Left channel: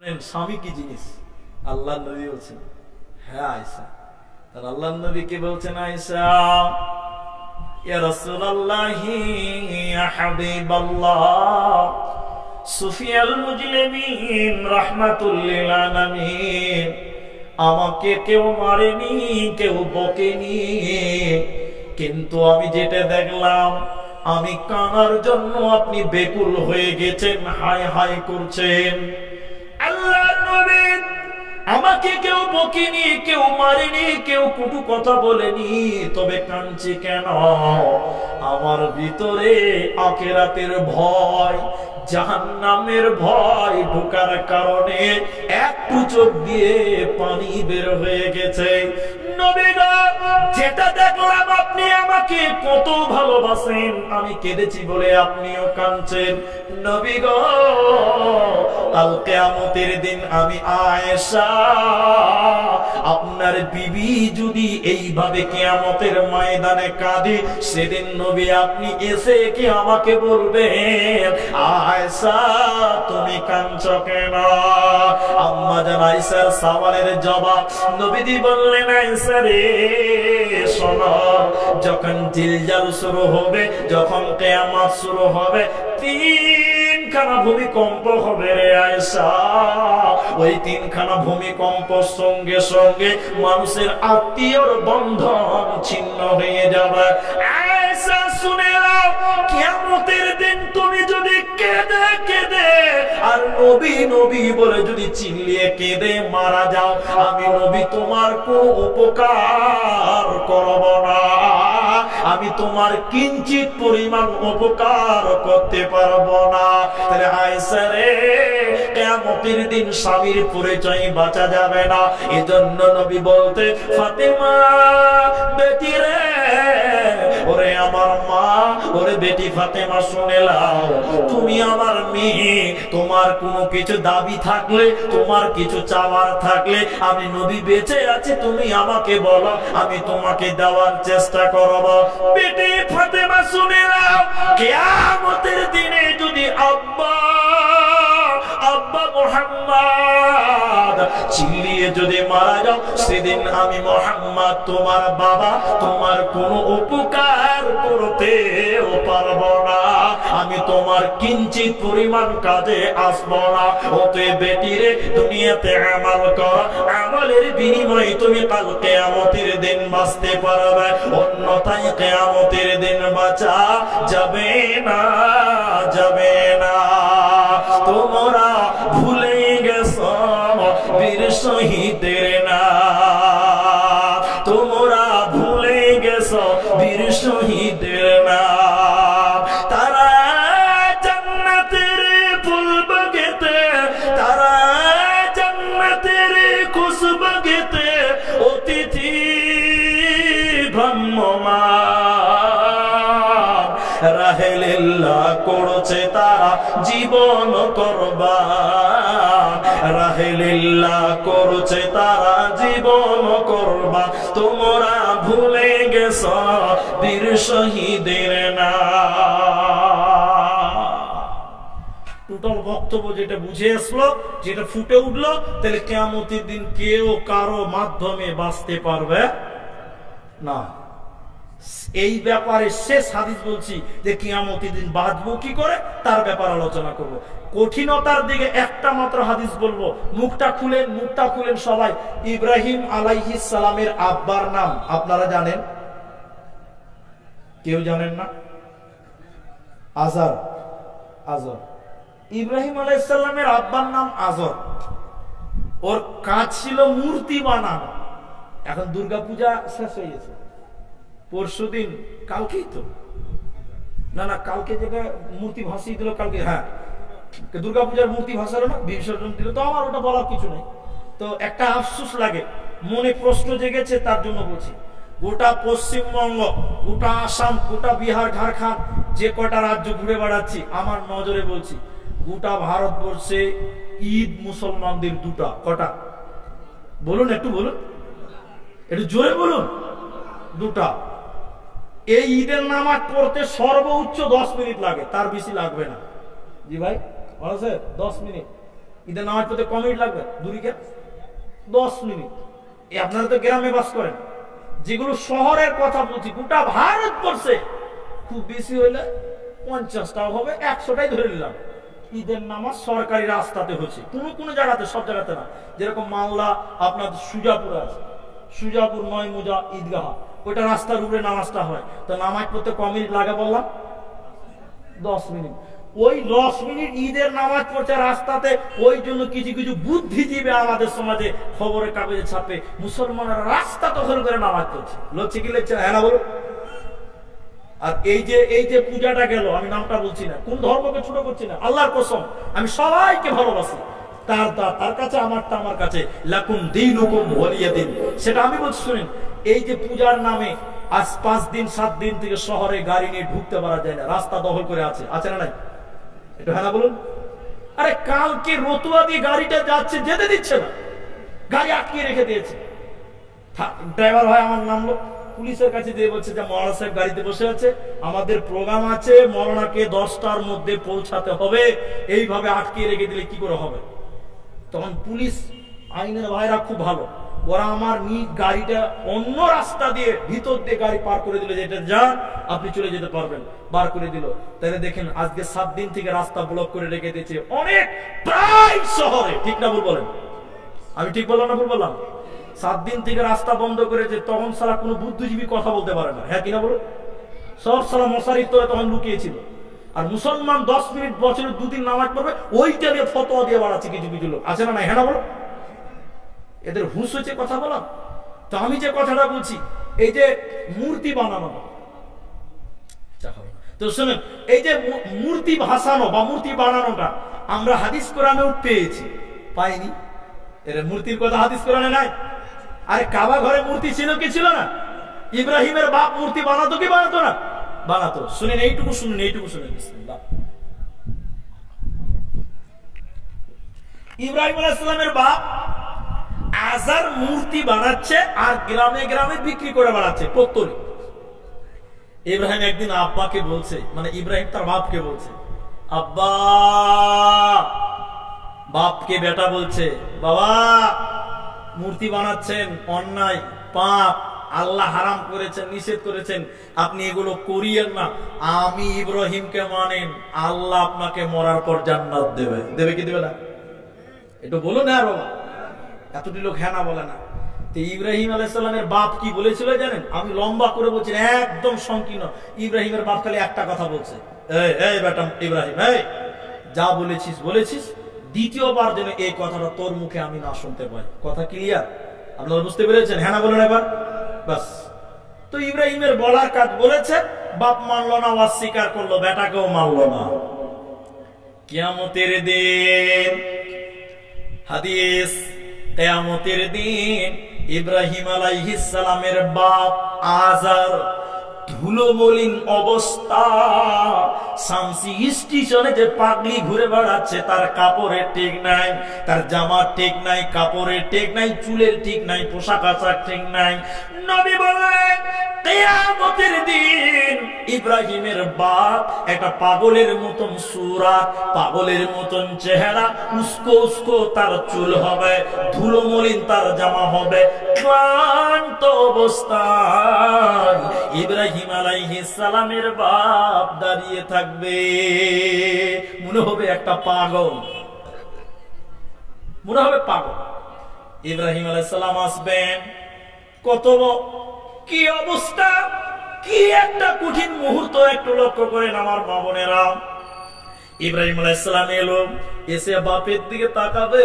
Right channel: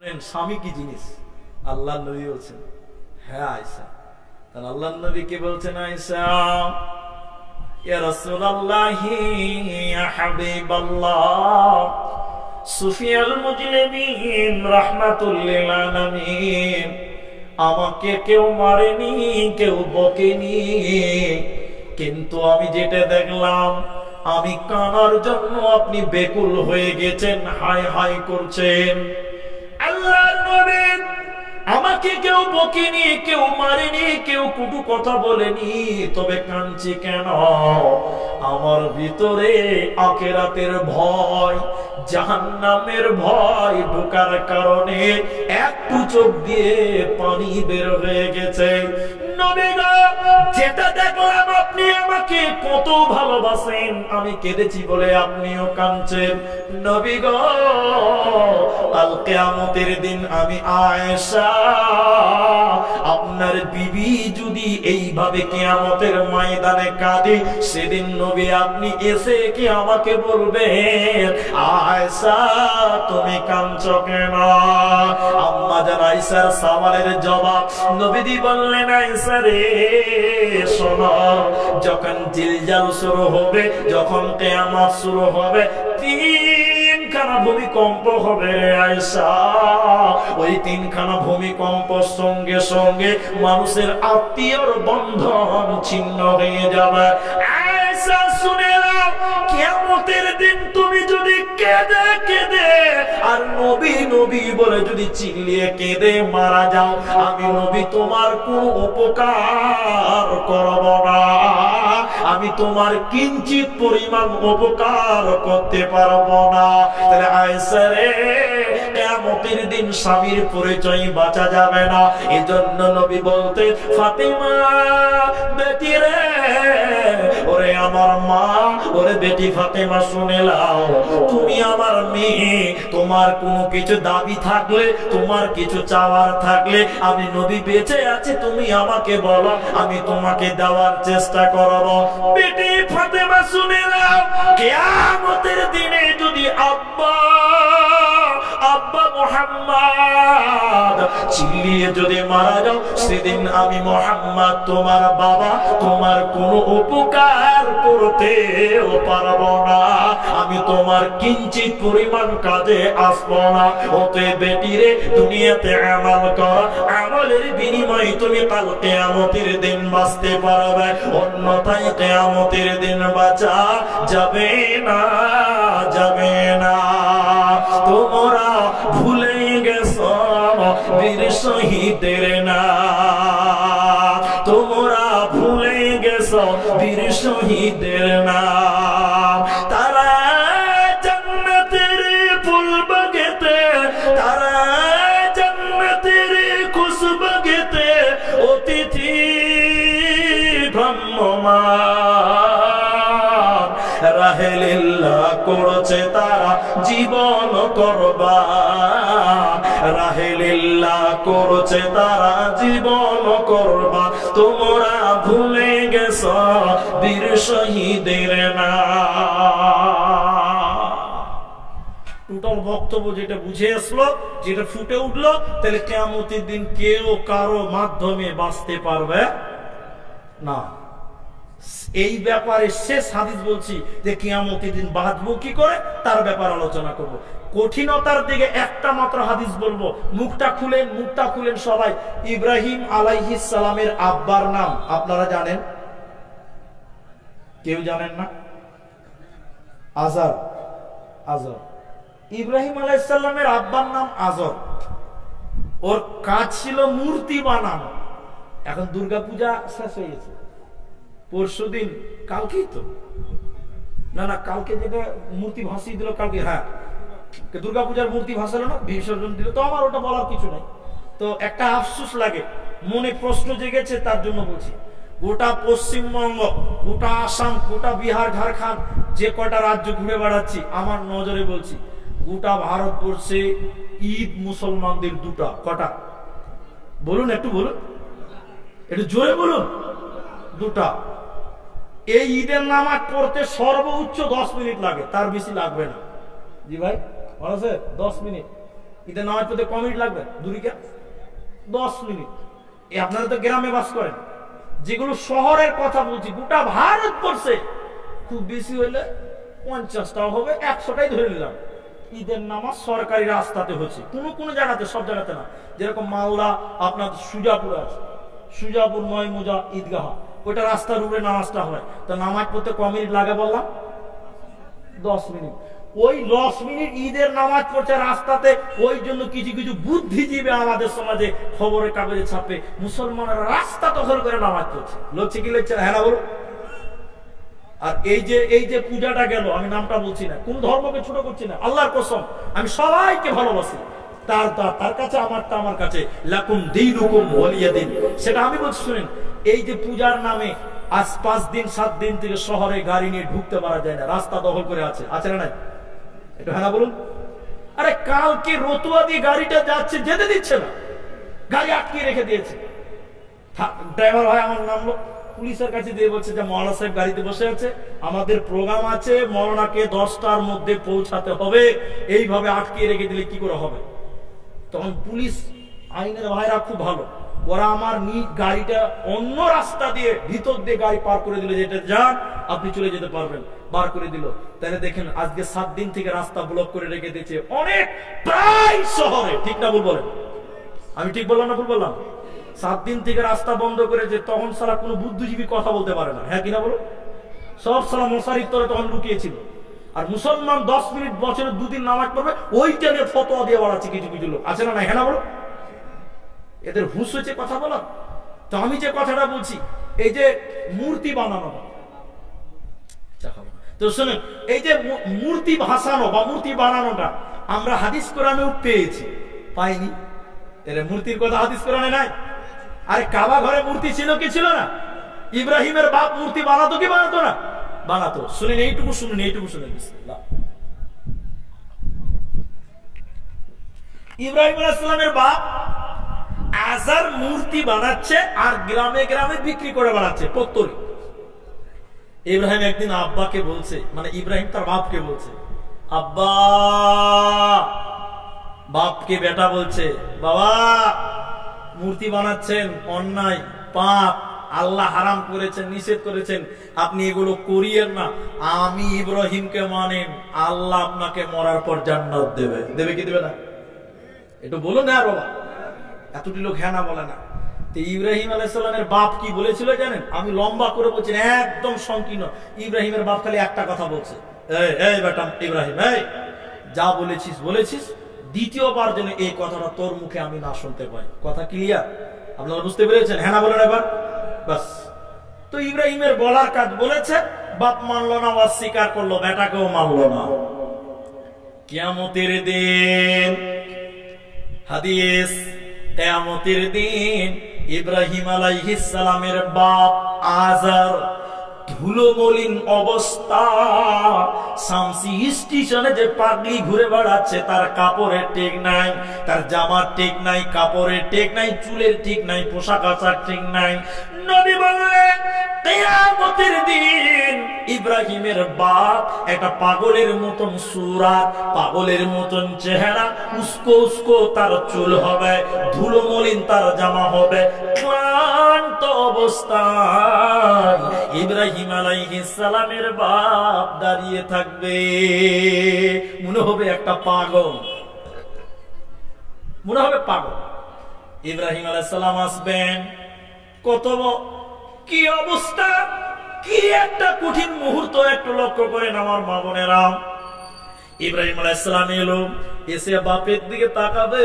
স্বামী কি জিনিস? আল্লাহ নবী বলছেন হ্যাঁ আয়েশা। তার আল্লাহ নবী কে বলছেন আয়েশা ইয়া রাসূলুল্লাহি ইয়া হাবিবাল্লাহ সুফিয়াল মুজলিমিন রাহমাতুল লিল আলামিন আমাকে কেউ মারেনি, কেউ বকেনি, কিন্তু আমি যেটা দেখলাম আমি কানার জন্য আপনি বেকুল হয়ে গেছেন, হায় হায় করছেন। আল্লাহর নবী আমাকে কেউ বকেনি, কেউ মারেনি, কেউ কটু কথা বলেনি, তবে কাঁদছি কেন? আমার ভিতরে আখিরাতের ভয়, জাহান্নামের ভয় ঢোকার কারণে একটু চোখ দিয়ে পানি বের হয়ে গেছে। নবী গো, যেটা দেখলাম আপনি আমাকে কত ভালোবাসেন, আমি কেঁদেছি বলে আপনিও কাঁদছেন। নবী গো, কাল কিয়ামতের দিন আমি আয়েশা আপনার বিবি যদি এইভাবে কিয়ামতের ময়দানে কাঁদে, সেদিন নবী আপনি এসে কি আমাকে বলবেন আয়েশা তুমি কাঁদছো কেন? আম্মা জান আয়েশার সওয়ালের জবাব নবীজি বললেন আয়েশা রে শোনো, যখন জিলজাল শুরু হবে, যখন কিয়ামত শুরু হবে, তিনখানা ভূমিকম্প হবে রে আয়েশা। ওই তিনখানা ভূমিকম্পর সঙ্গে সঙ্গে মানুষের আত্মীয়র বন্ধন ছিন্ন হয়ে যাবে। আয়েশা শুনে নাও, কিয়ামতের দিন তুমি যদি কেঁদে কেঁদে আর নবী নবী বলে যদি চিল্লিয়ে কেঁদে মারা যাও, আমি নবী তোমার কোনো উপকার করব না, আমি তোমার কিঞ্চিত পরিমাণ উপকার করতে পারবো না। তাহলে আয়েশা রে, কিয়ামতের দিন স্বামীর পরিচয় বাঁচা যাবে না। এজন্য নবী বলতে ফাতেমা বেটি রে, ওরে আমার মা, ওরে বেটি ফাতেমা শুনে নাও, তুমি আমার মেয়ে, তোমার কোনো কিছু দাবি থাকলে, তোমার কিছু চাওয়ার থাকলে, আমি নবী বেঁচে আছি, তুমি আমাকে বলো, আমি তোমাকে দেওয়ার চেষ্টা করব। বেটি ফাতেমা শুনে নাও, কিয়ামতের দিনে যদি আব্বা আব্বা মুহাম্মদ চিল্লিয়ে যদি মারা যাও, সেদিন আমি মুহাম্মদ তোমার বাবা তোমার কোনো উপকার করতেও পারবো না, আমি তোমার কিঞ্চিত পরিমাণ কাজে আসবো না। অতএব বেটি রে, দুনিয়াতে আমল করো, আমলের বিনিময়ে তুমি কাল কিয়ামতের দিন বাঁচতে পারবে, অন্যথায় কিয়ামতের দিন বাঁচা যাবে না, যাবে না। তোমরা ভুলে গেছো বীর শহীদের নাম, তোমরা ভুলে গেছো বীর শহীদের নাম। তারা জান্নাতের ফুল বাগেতে, তারা জান্নাতের খুশবু গেতে অতিথি ভ্রাম্যমান, রাহে লিল্লাহ করছে তারা জীবন কুরবান, রাহে লিল্লাহ করছে তারা জীবন কুরবান। তোমরা ভুলে গেছো বীর শহীদের নাম। টোটাল বক্তব্য যেটা বুঝে আসলো, যেটা ফুটে উঠলো, তাহলে কিয়ামতের দিন কেউ কারো মাধ্যমে বাঁচতে পারবে না। এই ব্যাপারে শেষ হাদিস বলছি যে কিয়ামতের দিন বাঁচবো কি করে, তার ব্যাপারে আলোচনা করব। কঠিনতার দিকে একটা মাত্র হাদিস বলবো, মুখটা খুলেন, মুখটা খুলেন সবাই। ইব্রাহিম আলাইহিস সালামের আব্বার নাম আপনারা জানেন? কেউ জানেন না? আজর। আজর। ইব্রাহিম আলাইহিস সালামের আব্বার নাম আজর। ওর কাজ ছিল মূর্তি বানানো। এখন দুর্গাপূজা শেষ হয়ে গেছে, পরশুদিন, কালকেই তো, না না কালকে যেটা মূর্তি ভাসিয়ে দিল, কালকে, হ্যাঁ দুর্গাপূজার মূর্তি ভাসালো না, বিসর্জন দিল, তো আমার ওটা বলার কিছু নাই। তো একটা আফসোস লাগে, মনে প্রশ্ন জেগেছে, তার জন্য বলছি। গোটা পশ্চিমবঙ্গ, গোটা আসাম, গোটা বিহার, ঝাড়খণ্ড, যে কটা রাজ্য ঘুরে বেড়াচ্ছি, আমার নজরে বলছি, গোটা ভারতবর্ষে ঈদ মুসলমানদের দুটা, কটা বলুন, একটু বলুন, একটু জোরে বলুন, দুটা। এই ঈদের নামাজ পড়তে সর্বোচ্চ 10 মিনিট লাগে, তার বেশি লাগবে না। জি ভাই, বলেছে 10 মিনিট। ঈদের নামাজ পড়তে ক মিনিট লাগবে? দূরিকে 10 মিনিট। আপনারা তো গ্রামে বাস করেন, যেগুলো শহরের কথা বলছি, গোটা ভারতবর্ষে খুব বেশি হলে 50টাও হবে, 100টাই ধরে নিলাম, ঈদের নামাজ সরকারি রাস্তাতে হচ্ছে। কোনো কোনো জায়গাতে, সব জায়গাতে না। যেরকম মালদা আপনার সুজাপুর আছে, সুজাপুর 9 মুজা ঈদগাহ, ওইটা রাস্তার উপরে নামাজটা হয়। তো নামাজ পড়তে ক মিনিট লাগে বললাম? 10 মিনিট। ওই 10 মিনিট ঈদের নামাজ পড়ছে রাস্তাতে। ওই জন্য কিছু কিছু বুদ্ধিজীবী আমাদের সমাজে খবরের কাগজে ছাপে মুসলমানরা রাস্তা দখল করে নামাজ পড়ছে। লড়ছে কি লড়ছে? হ্যাঁ না বলো। আর এই যে পূজাটা গেল, আমি নামটা বলছি না, কোন ধর্মকে ছোট করছি না, আল্লাহর কসম আমি সবাইকে ভালোবাসি, তার কাছে আমারটা আমার কাছে, লাকুম দীনুকুম ওয়ালিয়া দিন, সেটা আমি বলছি। শুনেন, এই যে পূজার নামে আজ 5 দিন 7 দিন থেকে শহরে গাড়ি নিয়ে ঢুকতে পারা যায় না, রাস্তা দখল করে আছে না নাই? একটু হ্যাঁ না বলুন। আরে কালকে রতুয়া দিয়ে গাড়িটা যাচ্ছে, যেতে দিচ্ছে না, গাড়ি আটকে রেখে দিয়েছে। ড্রাইভার ভাই আমার নামলো, পুলিশের কাছে দিয়ে বলছে যে মৌলানা সাহেব গাড়িতে বসে আছে, আমাদের প্রোগ্রাম আছে, মৌলানাকে 10টার মধ্যে পৌঁছাতে হবে, এইভাবে আটকে রেখে দিলে কি করে হবে? তখন পুলিশ আইনের ভাইরা খুব ভালো, ওরা আমার গাড়িটা অন্য রাস্তা দিয়ে ভিতর দিয়ে গাড়ি পার করে দিল, যেটা যান আপনি চলে যেতে পারবেন, বার করে দিল। তাহলে দেখেন আজকে 7 দিন থেকে রাস্তা ব্লক করে রেখে দিয়েছে অনেক প্রায় শহরে, ঠিক না ভুল বলেন? আমি ঠিক বললাম না ভুল বললাম? 7 দিন থেকে রাস্তা বন্ধ করেছে, তখন সালা কোনো বুদ্ধিজীবী কথা বলতে পারে না, হ্যাঁ কিনা বলো? সব সালা মশারির তলে তখন লুকিয়েছিল। আর মুসলমান 10 মিনিট বছরে 2 দিন নামাজ পড়বে, ওইটা নিয়ে ফতোয়া দিয়ে বাড়াচ্ছে কিছু কিছু লোক, আছে না না? হ্যাঁ না বলো? এদের হুঁশ হচ্ছে কথা বলা। তো আমি যে কথাটা বলছি, এই যে মূর্তি বানানো, তো শুনুন, এই যে মূর্তি ভাসানো বা মূর্তি বানানোটা আমরা হাদিস কোরআনেও পেয়েছি, পাইনি? এর মূর্তির কথা হাদিস কোরআনে নাই? আরে কাবা ঘরে মূর্তি ছিল কি ছিল না? ইব্রাহিমের বাপ মূর্তি বানাতো কি বানাতো না? বানাতো। শুনেন, এইটুকু শুনুন, বিসমিল্লাহ। ইব্রাহিম আলাইহিস সালামের বাপ আজার মূর্তি বানাচ্ছে আর গ্রামে গ্রামে বিক্রি করে বানাচ্ছে পত্তলি। ইব্রাহিম একদিন আব্বাকে বলছে, মানে ইব্রাহিম তার বাপকে বলছে, আব্বা, বাপকে বেটা বলছে, বাবা মূর্তি বানাচ্ছেন, অন্যায়, পাপ, আল্লাহ হারাম করেছেন, নিষেধ করেছেন, আপনি এগুলো করিয়েন না। আমি ইব্রাহিমকে মানেন, আল্লাহ আপনাকে মরার পর জান্নাত দেবে। দেবে কি দেবে না? একটু বলুন না বাবা, এতটি লোক হ্যাঁ না বলে না। তো ইব্রাহিম আলাইহিস সালামের বাপ কি বলেছিল জানেন? আমি লম্বা করে বলছি না, একদম সংকীর্ণ। ইব্রাহিমের বাপ খালি একটা কথা বলছে, এই বেটা ইব্রাহিম, এই যা বলেছিস, দ্বিতীয়বার যেন এই কথাটা তোর মুখে আমি না শুনতে পাই। কথা ক্লিয়ার? আপনারা বুঝতে পেরেছেন? হ্যাঁ না বলেন এবার, বাস। তো ইব্রাহিমের বলার কাজ বলেছে, বাপ মানলো না, অস্বীকার করলো, বেটাকেও মানলো না। কিয়ামতের দিন, হাদিস, কিয়ামতের দিন ইব্রাহিম আলাইহিস সালামের বাপ আজার ধুলোমলিন অবস্থা, শামসি স্টেশনে যে পাগলি ঘুরে বেড়াচ্ছে, তার কাপড়ের ঠিক নাই, তার জামার ঠিক নাই, কাপড়ের ঠিক নাই, চুলের ঠিক নাই, পোশাক আশাক ঠিক নাই। নবী বললেন কিয়ামতের দিন ইব্রাহিমের বাপ একটা পাগলের মতন সুরাত, পাগলের মতন চেহারা, উস্কো উস্কো তার চুল হবে, ধুলোমলিন তার জামা হবে, ক্লান্ত অবস্থায় ইব্রাহিম আলাইহিস সালামের বাপ দাঁড়িয়ে থাকবে। মনে হবে একটা পাগল, মনে হবে পাগল। ইব্রাহিম আলাইহিস সালাম আসবেন, কত কি অবস্থা, কি একটা কঠিন মুহূর্ত, একটু লক্ষ্য করেন আমার মা বোনেরা। ইব্রাহিম আলাইহিস সালাম এলো, এসে বাপের দিকে তাকাবে,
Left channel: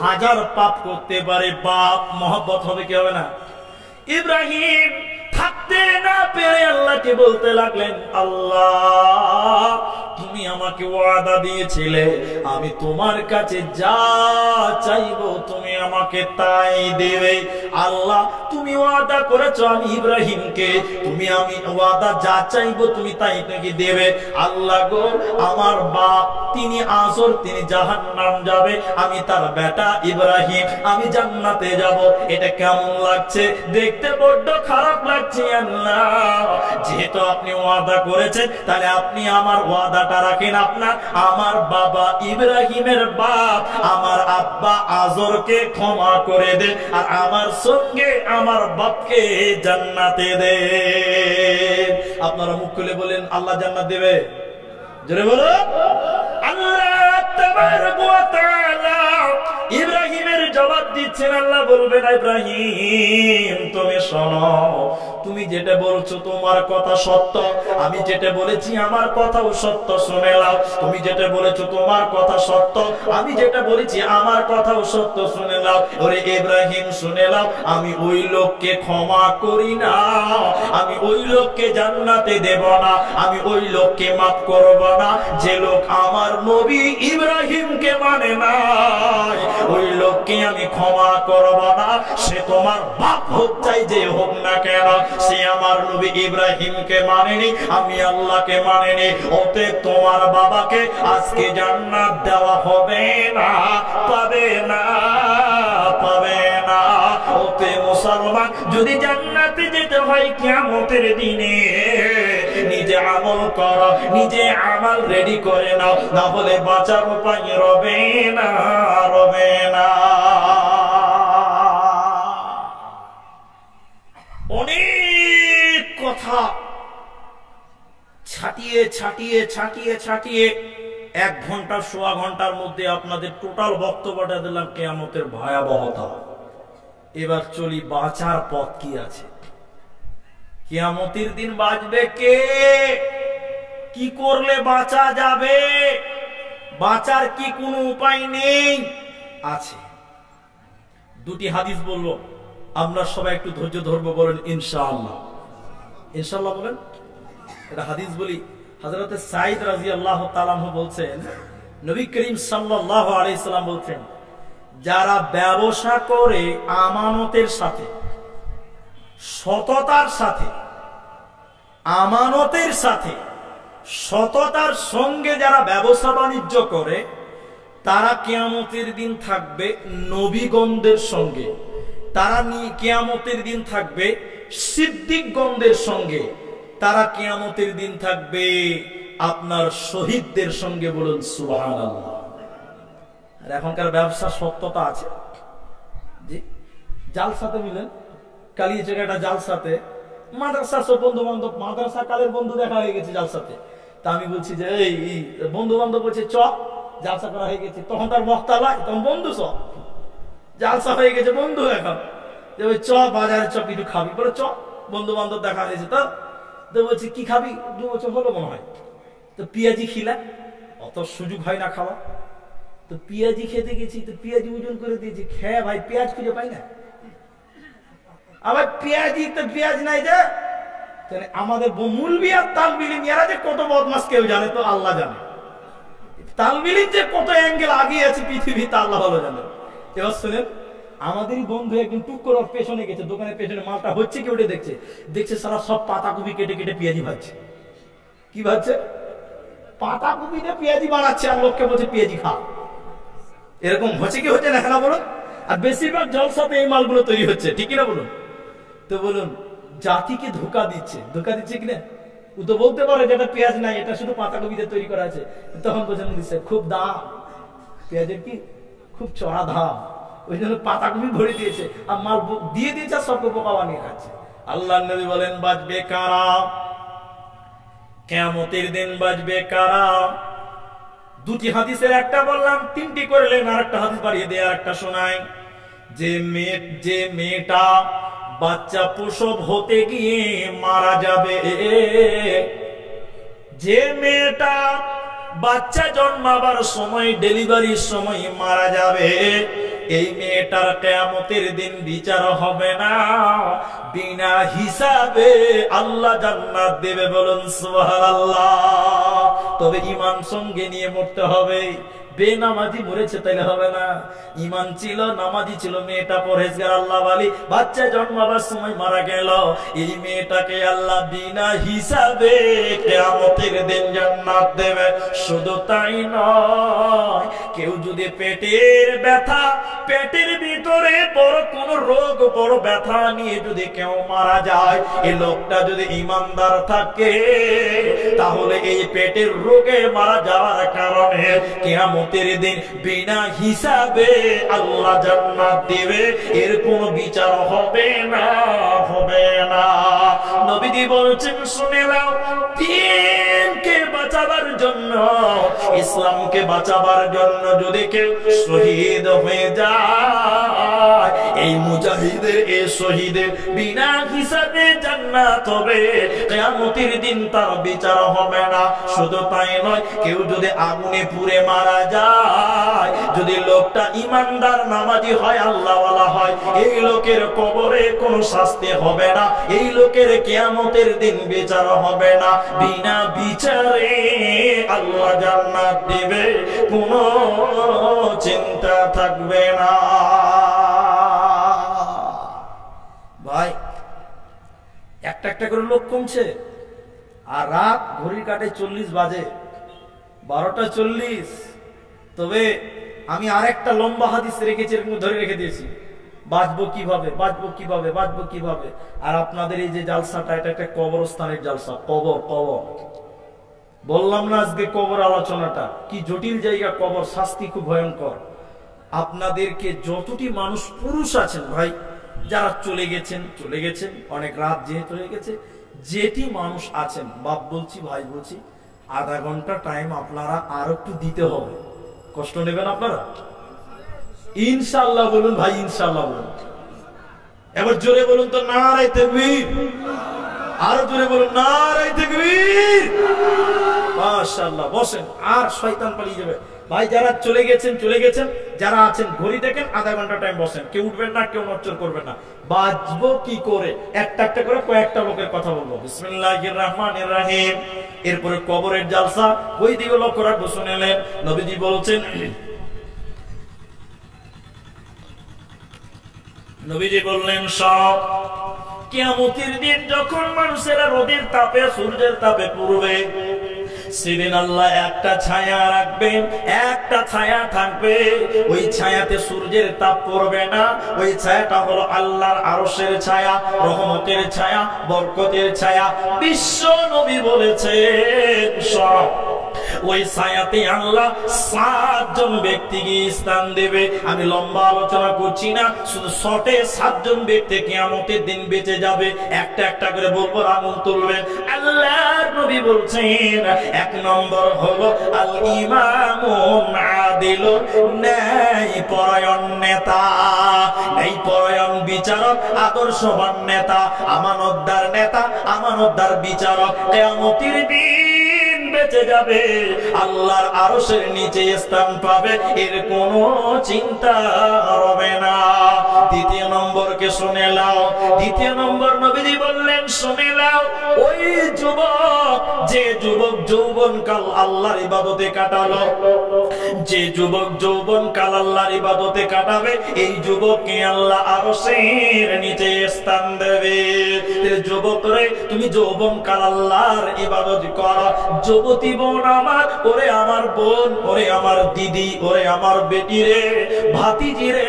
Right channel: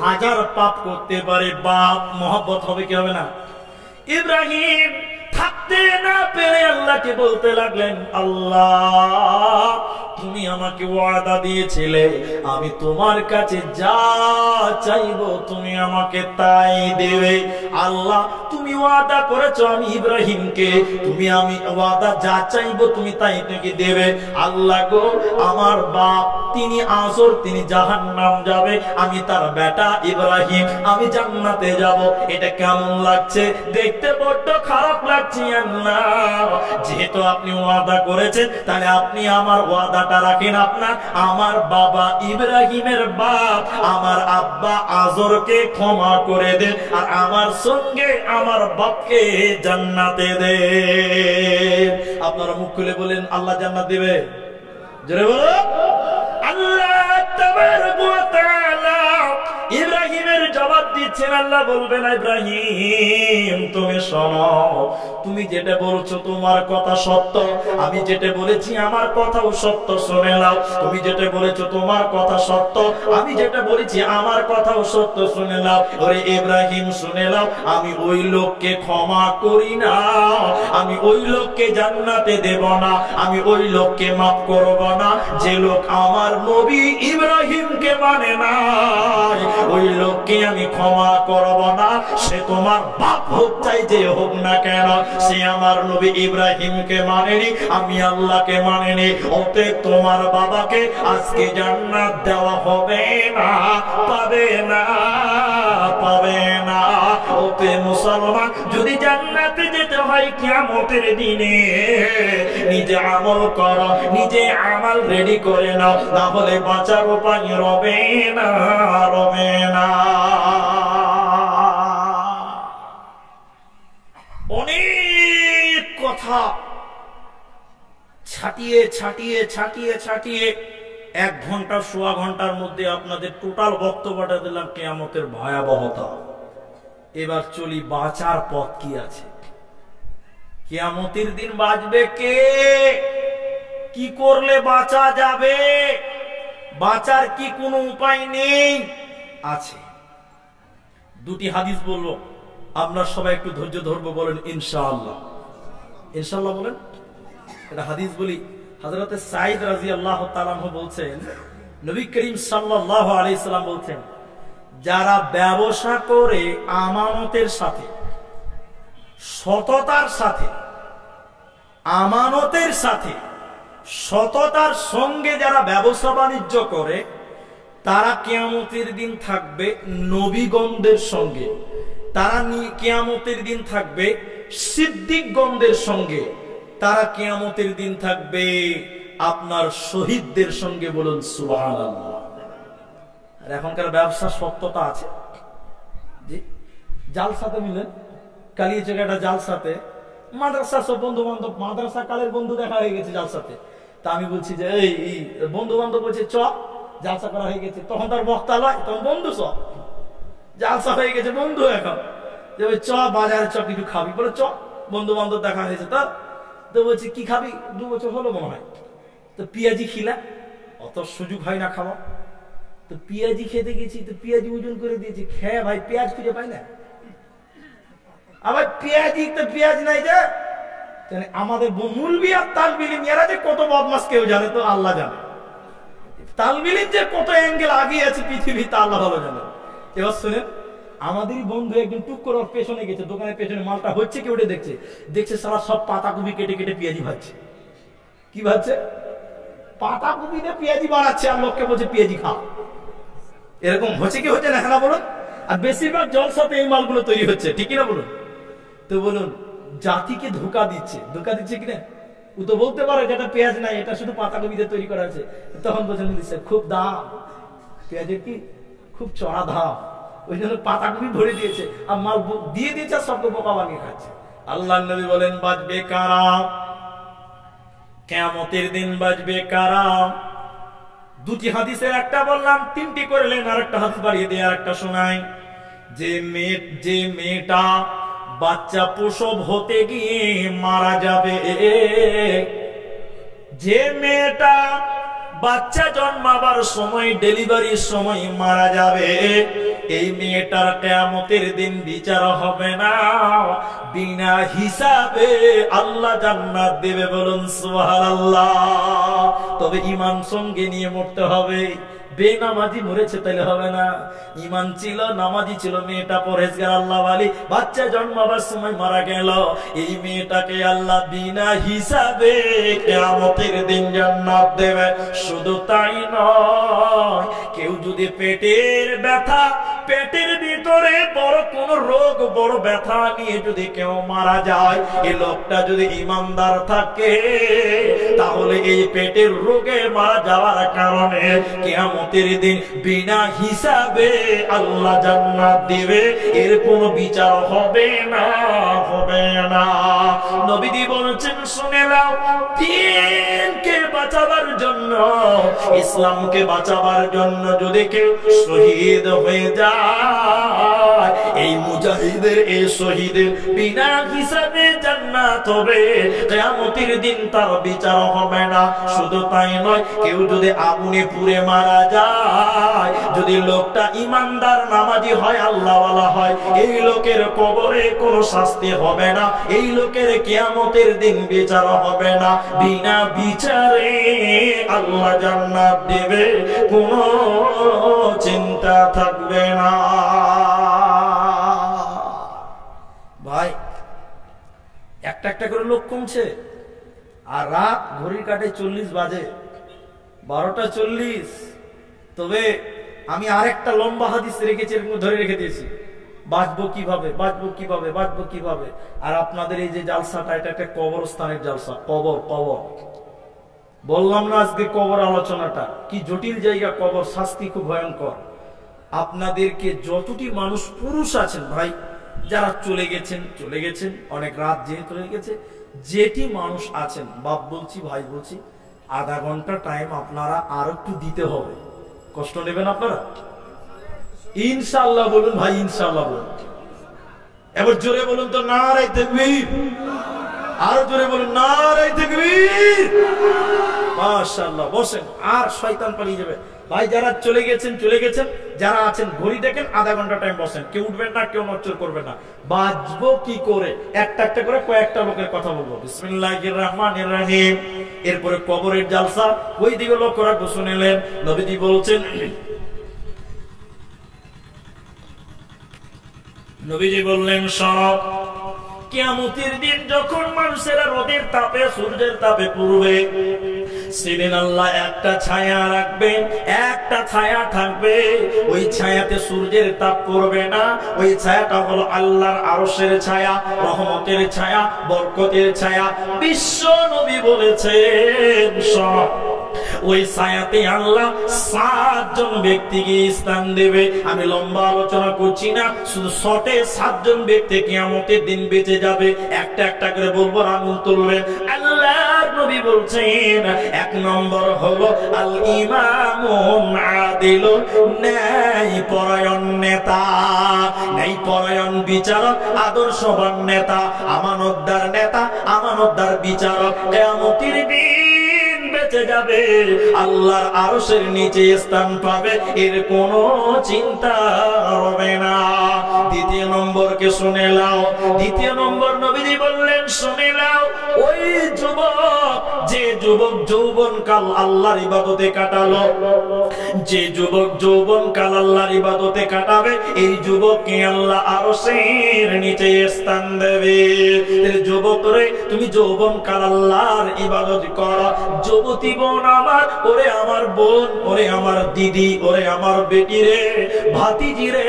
হাজার পাপ করতে পারে, বাপ মহব্বত হবে কি হবে না? ইব্রাহিম থাকতে না পেরে আল্লাহকে বলতে লাগলেন, আল্লাহ তুমি আমাকে ওয়াদা দিয়েছিলে, আমি তোমার কাছে যা চাইবো তুমি আমাকে তাই দেবে। আল্লাহ তুমি ওয়াদা করেছো আমি ইব্রাহিমকে, আমি ওয়াদা যা চাইবো তুমি তাই নাকি দেবে। আল্লাহ গো, আমার বাপ তিনি আজর, তিনি জাহান্নাম যাবে, আমি তার বেটা ইব্রাহিম আমি জান্নাতে যাব। এটা কেমন লাগছে? দেখতে বড্ড খারাপ লাগছে আল্লাহ। যেহেতু আপনি ওয়াদা করেছেন, তাহলে আপনি আমার ওয়াদাটা রাখেন। আপনার আমার বাবা ইব্রাহিমের বাপ আমার আব্বা আজরকে ক্ষমা করে দেন, আর আমার সঙ্গে আমার বাপকে জান্নাতে দেন। আপনারা মুখ খুলে বলেন আল্লাহ জান্নাত দিবে? জোরে বলো। আল্লাহ তাবারক ওয়া তাআলা ইব্রাহিমের জবাব দিচ্ছেন। আল্লাহ বলবেন, ইব্রাহিম তুমি শোনো, তুমি যেটা বলছো তোমার কথা সত্য, আমি যেটা বলেছি আমার কথাও সত্য, শুনে নাও। তুমি যেটা বলেছো তোমার কথা সত্য, আমি যেটা বলেছি আমার কথাও সত্য, শুনে নাও। ওরে ইব্রাহিম শুনে নাও, আমি ওই লোককে ক্ষমা করি না, আমি ওই লোককে জান্নাতে দেব না, আমি ওই লোককে মাফ করব না যে লোক আমার নবী ইব্রাহিমকে মানে নাই, ওই লোককে আমি ক্ষমা করব না। সে তোমার বাপ হোক চাই যে হোক না কেন, সে আমার নবী ইব্রাহিমকে মানেনি, আমি আল্লাহকে মানেনি। অতএব তোমার বাবাকে আজকে জান্নাত দেওয়া হবে না, পাবে না, পাবে না। ওতে মুসলমান যদি জান্নাতে যেতে হয় কিয়ামতের দিনে, নিজে আমল করো, নিজে আমল রেডি করে নাও, না হলে বাঁচার উপায় রবে না, রবে না। অনেক কথা ছাটিয়ে ছাটিয়ে ছাটিয়ে ছাটিয়ে 1 ঘন্টা সোয়া ঘন্টার মধ্যে আপনাদের টোটাল বক্তব্যটা দিলাম কিয়ামতের ভয়াবহতা। এবার চলি বাঁচার পথ কি আছে। কিয়ামতের দিন বাঁচবে কে? কি করলে বাঁচা যাবে? বাঁচার কি কোনো উপায় নেই? আছে। 2টি হাদিস বলবো, আমরা সবাই একটু ধৈর্য ধরবো, বলেন ইনশাআল্লাহ। ইনশাআল্লাহ বলেন। এটা হাদিস বলি। হযরতে সাঈদ রাদিয়াল্লাহু তাআলা আনহু বলছেন, নবী করিম সাল্লাল্লাহু আলাইহি সাল্লাম বলছেন, যারা ব্যবসা করে আমানতের সাথে, সততার সাথে, আমানতের সাথে সততার সঙ্গে যারা ব্যবসা বাণিজ্য করে, তারা কিয়ামতের দিন থাকবে নবীগণদের সঙ্গে, তারা কিয়ামতের দিন থাকবে সিদ্দিকগণদের সঙ্গে, তারা কিয়ামতের দিন থাকবে আপনার শহীদদের সঙ্গে। বলুন সুবহানাল্লাহ। আর এখনকার ব্যবসা সত্যতা আছে জি। জালসাতে মিলেন, কালিয়াচকের একটা জালসাতে মাদ্রাসা সব বন্ধু বান্ধব, মাদ্রাসা কালের বন্ধু দেখা হয়ে গেছে জালসাতে। তা আমি বলছি যে এই বন্ধু বান্ধব বলছে চ জালসা করা হয়ে গেছে, তখন তার বক্তা লয়, তখন বন্ধু সব জালসা হয়ে গেছে বন্ধু। এখন যে ওই চ বাজারে চ কিছু খাবি, বলে চ বন্ধু বান্ধব দেখা হয়েছে। তো বলছি কি খাবি? 2 বছর হলো মনে হয়। তো পেঁয়াজি খিলা, অত সুযোগ হয় না খাওয়া, তো পেঁয়াজি খেতে গেছি, তো পেঁয়াজি ওজন করে দিয়েছি, খেয়ে ভাই পেঁয়াজ খুঁজে পাই না। আবার পেঁয়াজি তো পেঁয়াজ নাই যে। আমাদের মুলবি আর তালবিলিম এরা যে কত বদমাস কেউ জানে, তো আল্লাহ জানে। তালবিলিম যে কত অ্যাঙ্গেল আগিয়ে আছে পৃথিবীতে আল্লাহ ভালো জানে। এবার শুনেন, আমাদেরই বন্ধু একজন টুক করে পেছনে গেছে, দোকানের পেছনে মালটা হচ্ছে কি ওটা দেখছে, দেখছে সারা সব পাতাকপি কেটে কেটে পেঁয়াজি ভাজছে। কি ভাজছে? পাতাকপি দিয়ে পেঁয়াজি বানাচ্ছে, আর লোককে বলছে পেঁয়াজি খা। এরকম হচ্ছে কি হচ্ছে না? হ্যাঁ বলুন। আর বেশিরভাগ জলসাতে এই মালগুলো তৈরি হচ্ছে, ঠিক কিনা বলুন? তো বলুন, জাতিকে ধোকা দিচ্ছে, ধোকা দিচ্ছে কিনা? ও তো বলতে পারে যেটা পেঁয়াজ নাই, এটা শুধু পাতাকপি দিয়ে তৈরি করা আছে। তখন বলছে মুদি সাহেব খুব দাম, পেঁয়াজের কি খুব চড়া দাম, ওই জন্য পাতাকপি ভরে দিয়েছে, আর মাল দিয়ে দিয়েছে, আর সবকে বোকা বানিয়ে খাচ্ছে। আল্লাহ নবী বলেন, বাঁচবে কারা? কিয়ামতের দিন বাঁচবে কারা? 2টি হাদিসের একটা বললাম, 3টি করলেন, আর একটা হাদিস বাড়িয়ে দিয়ে আর একটা শোনাই। যে মেয়েটা বাচ্চা প্রসব হতে গিয়ে মারা যাবে, যে মেয়েটা বাচ্চা জন্মাবার সময়, ডেলিভারির সময় মারা যাবে, এই মেয়েটার কিয়ামতের দিন বিচার হবে না, বিনা হিসাবে আল্লাহ জান্নাত দেবে। বলুন সুবহানাল্লাহ। তবে ঈমান সঙ্গে নিয়ে মরতে হবে, বেনামাজি মরেছে তাইলে হবে না। ঈমান ছিল, নামাজি ছিল, মেয়েটা পরহেজগার আল্লাহওয়ালি, বাচ্চা জন্মাবার সময় মারা গেল। এই মেয়েটাকে আল্লাহ বিনা হিসাবে কিয়ামতের দিন জান্নাত দেবে। শুধু তাই নয়, কেউ যদি পেটের ব্যথা, পেটের ভিতরে বড় কোন রোগ, বড় ব্যথা নিয়ে যদি কেউ মারা যায়, এই লোকটা যদি ঈমানদার থাকে, তাহলে এই পেটের রোগে মারা যাওয়ার কারণে কিয়ামতের দিন বিনা হিসাবে আল্লাহ জান্নাত দিবে। এর কোনো বিচার হবে না, হবে না। নবীজি বলছেন, শুনে নাও, দ্বীনকে বাঁচাবার জন্য, ইসলামকে বাঁচাবার জন্য যদি কেউ শহীদ হয়ে যায়, এই মুজাহিদের, এই শহীদের বিনা হিসাবে জান্নাত হবে। কিয়ামতের দিন তার বিচার হবে না। শুধু তাই নয়, কেউ যদি আগুনে পুড়ে মারা যায়, যদি লোকটা ঈমানদার নামাজি হয়, আল্লাহওয়ালা হয়, এই লোকের কবরে কোনো শাস্তি হবে না, এই লোকের কিয়ামতের দিন বিচার হবে না। বিনা বিচারে আল্লাহ জান্নাত দিবে, কোনো চিন্তা থাকবে না। ভাই, একটা একটা করে লোক কমছে, আর রাত ঘড়ির কাটে 40 বাজে, 12টা 40। তবে আমি আরেকটা লম্বা হাদিস রেখেছি, এরকম ধরে রেখে দিয়েছি, বাঁচবো কিভাবে, বাঁচবো কিভাবে, বাঁচবো কিভাবে। আর আপনাদের এই যে জালসাটা, এটা একটা কবরস্থানের জালসা। কবর, কবর বললাম না আজকে কবর আলোচনাটা কি জটিল জায়গা। কবর, শাস্তি খুব ভয়ঙ্কর। আপনাদেরকে যতটি মানুষ পুরুষ আছেন ভাই, যারা চলে গেছেন, চলে গেছেন, অনেক রাত যেহেতু হয়ে গেছে, যেটি মানুষ আছেন, বাপ বলছি, ভাই বলছি, আধা ঘন্টা টাইম আপনারা আর একটু দিতে হবে। কষ্ট নেবেন আপনারা? ইনশাআল্লাহ বলুন ভাই, ইনশাআল্লাহ বলুন। এবার জোরে বলুন তো, নারায়ে তাকবীর। আরো জোরে বলুন, নারায়ে তাকবীর। মাশাআল্লাহ। বসেন, আর শয়তান পালিয়ে যাবে। ভাই যারা চলে গেছেন, চলে গেছেন, যারা আছেন ঘড়ি দেখেন, আধা ঘন্টা টাইম বসেন, কেউ উঠবেন না, কেউ নড়চড় করবেন না। বাঁচবো কি করে, একটা একটা করে কয়েকটা লোকের কথা বলবো। বিসমিল্লাহির রহমানির রহিম। এরপরে কবরের জালসা, ওই দিকে লক্ষ্য রাখবো। শুনেলেন, নবীজি বলছেন, নবীজি বললেন, সব কিয়ামতের দিন যখন মানুষেরা রোদের তাপে, সূর্যের তাপে পুড়বে, সেদিন আল্লাহ একটা ছায়া রাখবেন, একটা ছায়া থাকবে। ওই ছায়াতে সূর্যের তাপ পড়বে না। ওই ছায়াটা হলো আল্লাহর আরশের ছায়া, রহমতের ছায়া, বরকতের ছায়া। বিশ্ব নবী বলেছেন, সব ওই ছায়াতে আল্লাহ 7 জন ব্যক্তিকে স্থান দেবে। আমি লম্বা আলোচনা করছি না, শুধু শর্টে 7 জন ব্যক্তি কিয়ামতের দিন বেঁচে যাবে। একটা একটা করে বলবো, আঙুল তুলবেন। আল্লাহর নবী বলছেন, 1 নম্বর হলো আল ইমামুন আদিলুন, ন্যায় পরায়ণ নেতা, ন্যায় পরায়ণ বিচারক, আদর্শবান নেতা, আমানতদার নেতা, আমানতদার বিচারক। কিয়ামতের দিন বেঁচে যাবে, আল্লাহর আরশের নিচে স্থান পাবে, এর কোনো চিন্তা হবে না। দ্বিতীয় নম্বরকে শুনে নাও। দ্বিতীয় নম্বর নবীজি বললেন, শুনে নাও, ওই যুবক, যে যুবক যৌবনকাল আল্লাহর ইবাদতে কাটালো, যে যুবক যৌবনকাল আল্লাহর ইবাদতে কাটাবে, এই যুবককে আল্লাহ আরশের নিচে স্থান দেবে। যুবক রে, তুমি যৌবনকাল আল্লাহর ইবাদত করো। যুবতী বোন আমার, ওরে আমার বোন, ওরে আমার দিদি, ওরে আমার বেটি রে, ভাতিজি রে,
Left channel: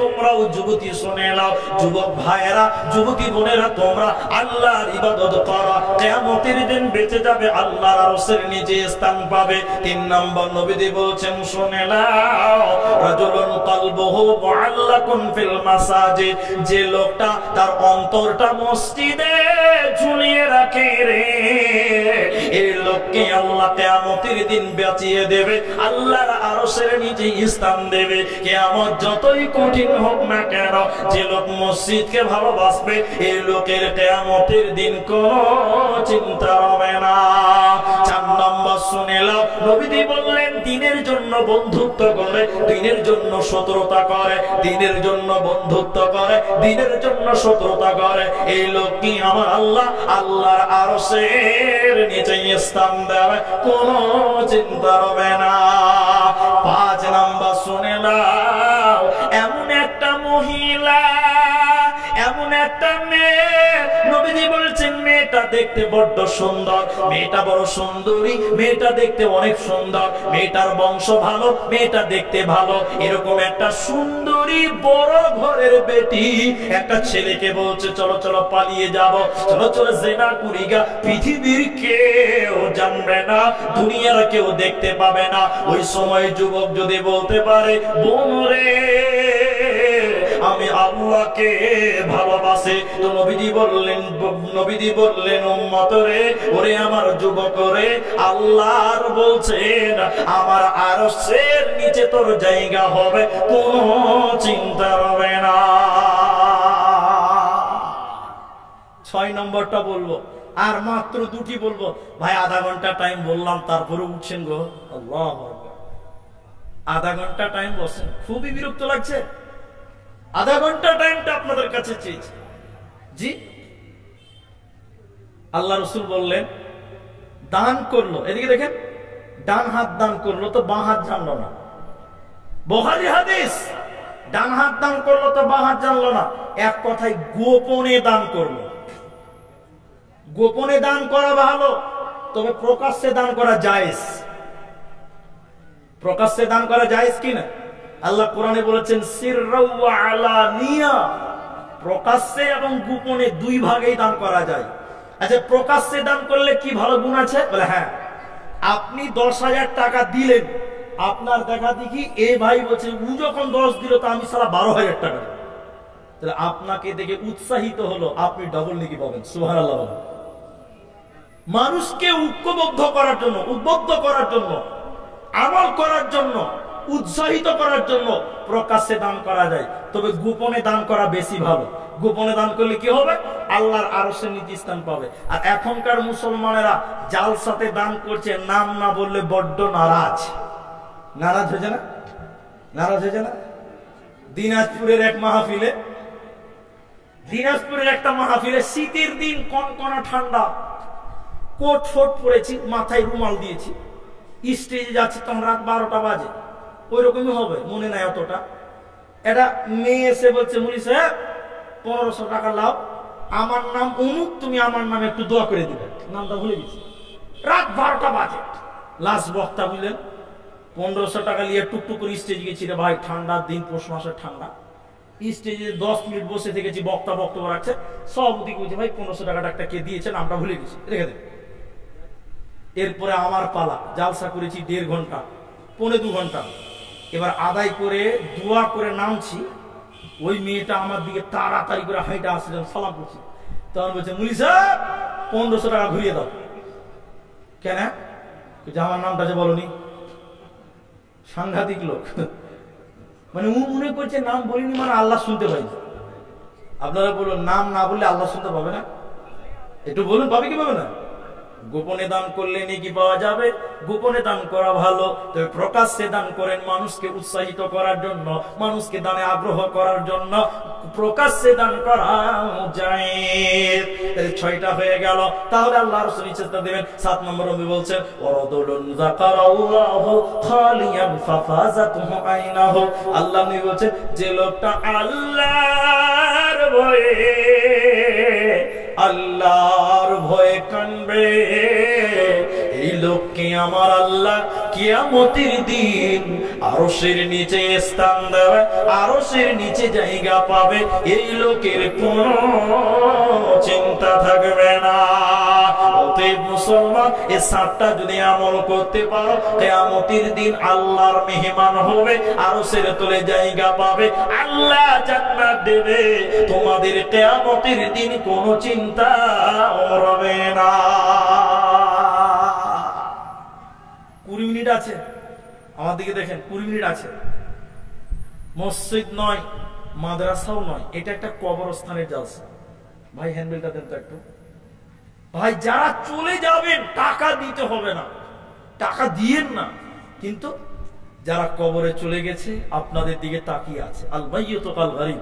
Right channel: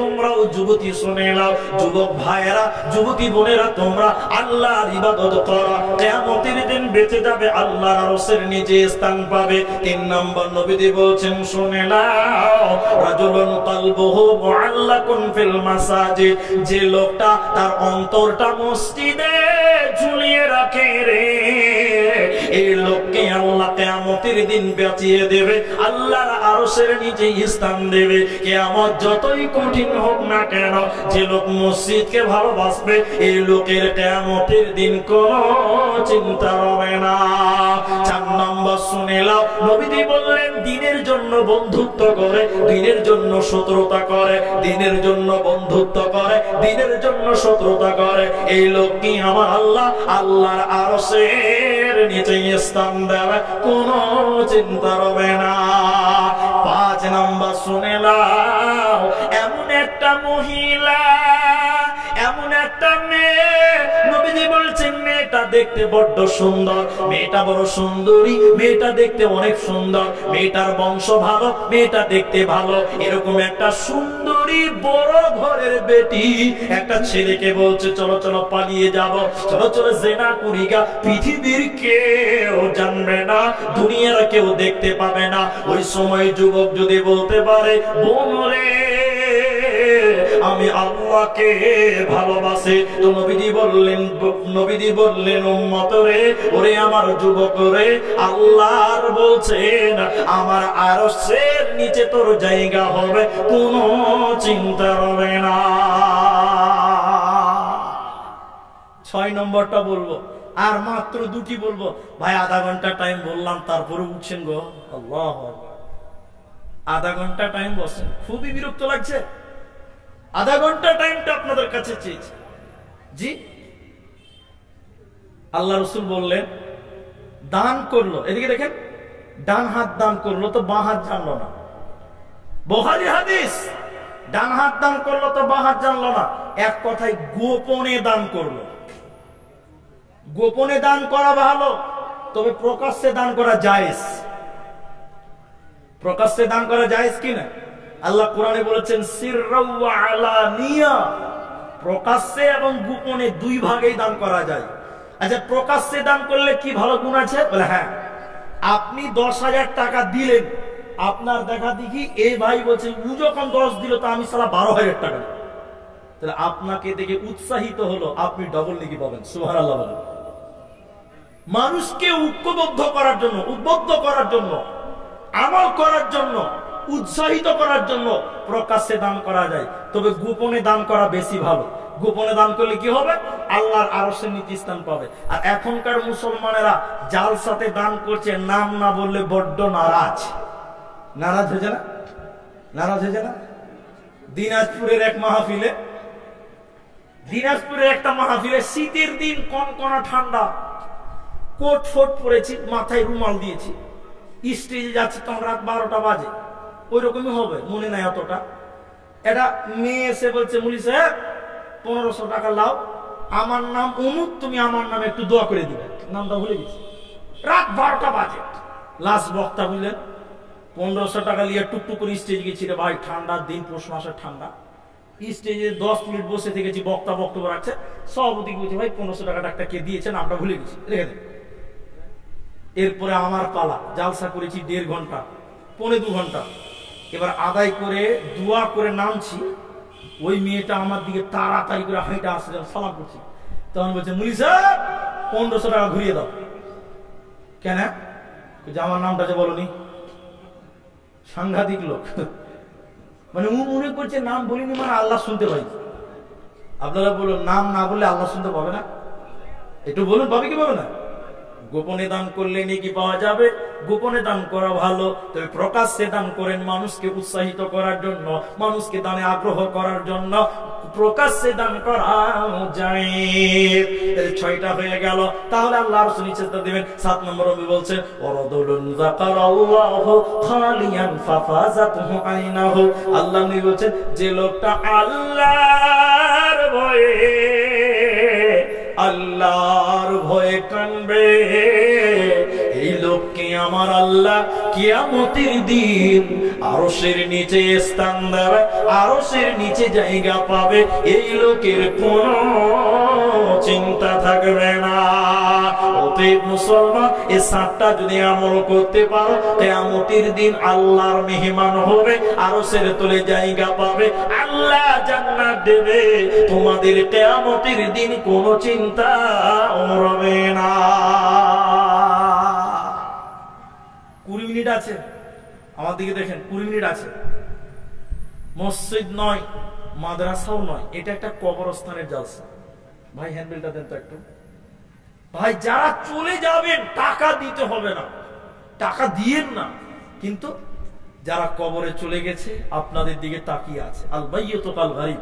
তোমরাও যুবতী শুনে নাও। যুবক ভাইয়েরা, যুবতী বোনেরা, তোমরা আল্লাহর ইবাদত করো, কিয়ামতের দিন বেঁচে যাবে, আল্লাহর আরশের নিচে স্থান পাবে। 3 নম্বর নবীজি বলছেন, শুনে নাও, রাজুলুন কলবুহু মুআল্লাকুন ফিল মাসাজিদ, যে লোকটা তার অন্তরটা মসজিদে ঝুলিয়ে রাখে রে, এই লোককে আল্লাহ কিয়ামতের দিন বাঁচিয়ে দেবে, আল্লাহর আরশের নিচে স্থান দেবে। কিয়ামত যতই কঠিন হোক না কেন, যে লোক মসজিদকে ভালোবাসবে, এই লোকের কিয়ামতের দিন কোনো চিন্তা হবে না। 4 নম্বর শুনে নাও, নবীজি বললেন, দিনের জন্য বন্ধুত্ব করে, দিনের জন্য শত্রুতা করে, দিনের জন্য বন্ধুত্ব করে, দিনের জন্য শত্রুতা করে, এই লোক কি আমার আল্লাহ আল্লাহর আরশের নিচে স্থান দেবে, কোনো চিন্তা হবে না। 5 নাম্বার শুনে নাও, এমন একটা মহিলা, এমন একটা মেয়ে, নবীজি বলছেন মেয়েটা দেখতে বড্ড সুন্দর, মেয়েটা বড় সুন্দরী, মেয়েটা দেখতে অনেক সুন্দর, মেয়েটার বংশ ভালো, মেয়েটা দেখতে ভালো। এরকম একটা সুন্দরী বড় ঘরের বেটি একটা ছেলেকে বলছে চলো চলো পালিয়ে যাব, চলো চলো জেনা করি গা, পৃথিবীর কেউ জানবে না, দুনিয়ার কেউ দেখতে পাবে না। ওই সময় যুবক যদি বলতে পারে বোন রে আমি আল্লাহকে ভালোবাসি, তো নবীজি বললেন উম্মত রে, ওরে আমার যুবক রে, আল্লাহর বলছেন আমার আরশের নিচে তোর জায়গা হবে, কোনো চিন্তা হবে না। 6 নম্বরটা বলবো, আর মাত্র 2টি বলবো। ভাই আধা ঘন্টা টাইম বললাম, তারপরে উঠছেন গো, আল্লাহ আধা ঘন্টা টাইম বসেন, খুবই বিরক্ত লাগছে। আধা ঘন্টা টাইমটা আপনাদের কাছে চেয়েছি। জি, আল্লাহ রসুল বললেন দান করলো, এদিকে দেখেন, ডান হাত দান করলো তো বাঁ হাত জানলো না। বুখারী হাদিস, ডান হাত দান করলো তো বাঁ হাত জানলো না। এক কথায় গোপনে দান করলো। গোপনে দান করা ভালো, তবে প্রকাশ্যে দান করা জায়েজ। প্রকাশ্যে দান করা জায়েজ কিনা? আল্লাহ কোরআনে বলেছেন সিররা ওয়া আলানিয়া, প্রকাশ্যে এবং গোপনে 2 ভাগেই দান করা যায়। আচ্ছা, প্রকাশ্যে দান করলে কি ভালো গুণ আছে? বলে হ্যাঁ, আপনি 10,000 টাকা দিলেন, আপনার দেখা দেখি এ ভাই বলছে ও যখন 10 দিল তো আমি সালা 12,000 টাকা দিই, তাহলে আপনাকে দেখে উৎসাহিত হলো, আপনি ডবল নেকি পাবেন। সুবহানাল্লাহ বলেন। মানুষকে ঐক্যবদ্ধ করার জন্য, উদ্বুদ্ধ করার জন্য, আমল করার জন্য, উৎসাহিত করার জন্য প্রকাশ্যে দান করা যায়, তবে গোপনে দান করা বেশি ভালো। গোপনে দান করলে কি হবে? আল্লাহর আরশের নিচে স্থান পাবে। আর এখনকার মুসলমানেরা জালসাতে দান করছে, নাম না বললে বড্ড নারাজ হয়েছে না? নারাজ হয়েছে না? দিনাজপুরের একটা মাহফিলে শীতের দিন, কনকনা ঠান্ডা, কোট ফোট পরেছি, মাথায় রুমাল দিয়েছি, স্টেজে যাচ্ছি, তখন রাত 12টা বাজে, ওই রকমই হবে, মনে নাই অতটা। এটা মেয়ে এসে বলছে মুলি সাহেব 1500 টাকা লাও, আমার নাম অমুক, তুমি আমার নামে একটু দোয়া করে দিবে। নামটা ভুলে গেছি। রাত 12টা বাজে, লাস্ট বক্তা বুঝলেন, 1500 টাকা নিয়ে টুকটুক করে স্টেজে গেছি। রে ভাই, ঠান্ডার দিন, পৌষ মাসের ঠান্ডা, স্টেজে 10 মিনিট বসে থেকেছি, বক্তা বক্তব্য রাখছে, সভাপতি বলছে ভাই 1500 টাকাটা একটা কে দিয়েছে, নামটা ভুলে গেছি, রেখে দেন। এরপরে আমার পালা, জালসা করেছি 1.5 ঘন্টা, 1.25 ঘন্টা। এবার আদায় করে দোয়া করে নামছি, ওই মেয়েটা আমার দিকে তাড়াতাড়ি করে হাঁটা আসছে, যখন সালাম করছি তখন বলছে মুলি সাহেব 1500 টাকা ঘুরিয়ে দাও। কেন? যে আমার নামটা যে বলনি। সাংঘাতিক লোক, মানে ও মনে করছে নাম বলিনি মানে আল্লাহ শুনতে পাই। আপনারা বলুন, নাম না বললে আল্লাহ শুনতে পাবে না? একটু বলুন, পাবে কি পাবে না? গোপনে দান করলে নেকি পাওয়া যাবে, গোপনে দান করা ভালো, তবে প্রকাশ্যে দান করেন মানুষকে উৎসাহিত করার জন্য, মানুষকে দানে আগ্রহ করার জন্য, প্রকাশ্যে দান করা যায়। তাহলে 6টা হয়ে গেল। তাহলে আল্লাহ রাসূল নিচেটা দিবেন। 7 নম্বর নবী বলছেন ওয়ারাদুলুন যাকারাল্লাহু খালিয়ান ফাফাযাতুহু আইনাহু। আল্লাহ নবী বলছেন যে লোকটা আল্লাহর ভয়ে কানবে, এই লোককে আমার আল্লাহ কিয়ামতের দিন আরশের নিচে স্থান দেবে, আরশের নিচে জায়গা পাবে। এই লোকের কোনো চিন্তা থাকবে না। অতএব মুসলমান, এই 7টা যদি আমল করতে পারো, কিয়ামতের দিন আল্লাহর মেহমান হবে, আরশের তলে জায়গা পাবে, আল্লাহ জান্নাত দেবে। তোমাদের কিয়ামতের দিন কোনো চিন্তা হবে না। 20 মিনিট আছে, আমার দিকে দেখেন, 20 মিনিট আছে। মসজিদ নয়, মাদ্রাসাও নয়, এটা একটা কবরস্থানের জালসা। ভাই হ্যান্ডবেলটা দেন তো একটু। ভাই যারা চলে যাবেন টাকা দিতে হবে না, টাকা দিয়েন না, কিন্তু যারা কবরে চলে গেছে আপনাদের দিকে তাকিয়ে আছে, আল মাইয়িতু কাল গারিব,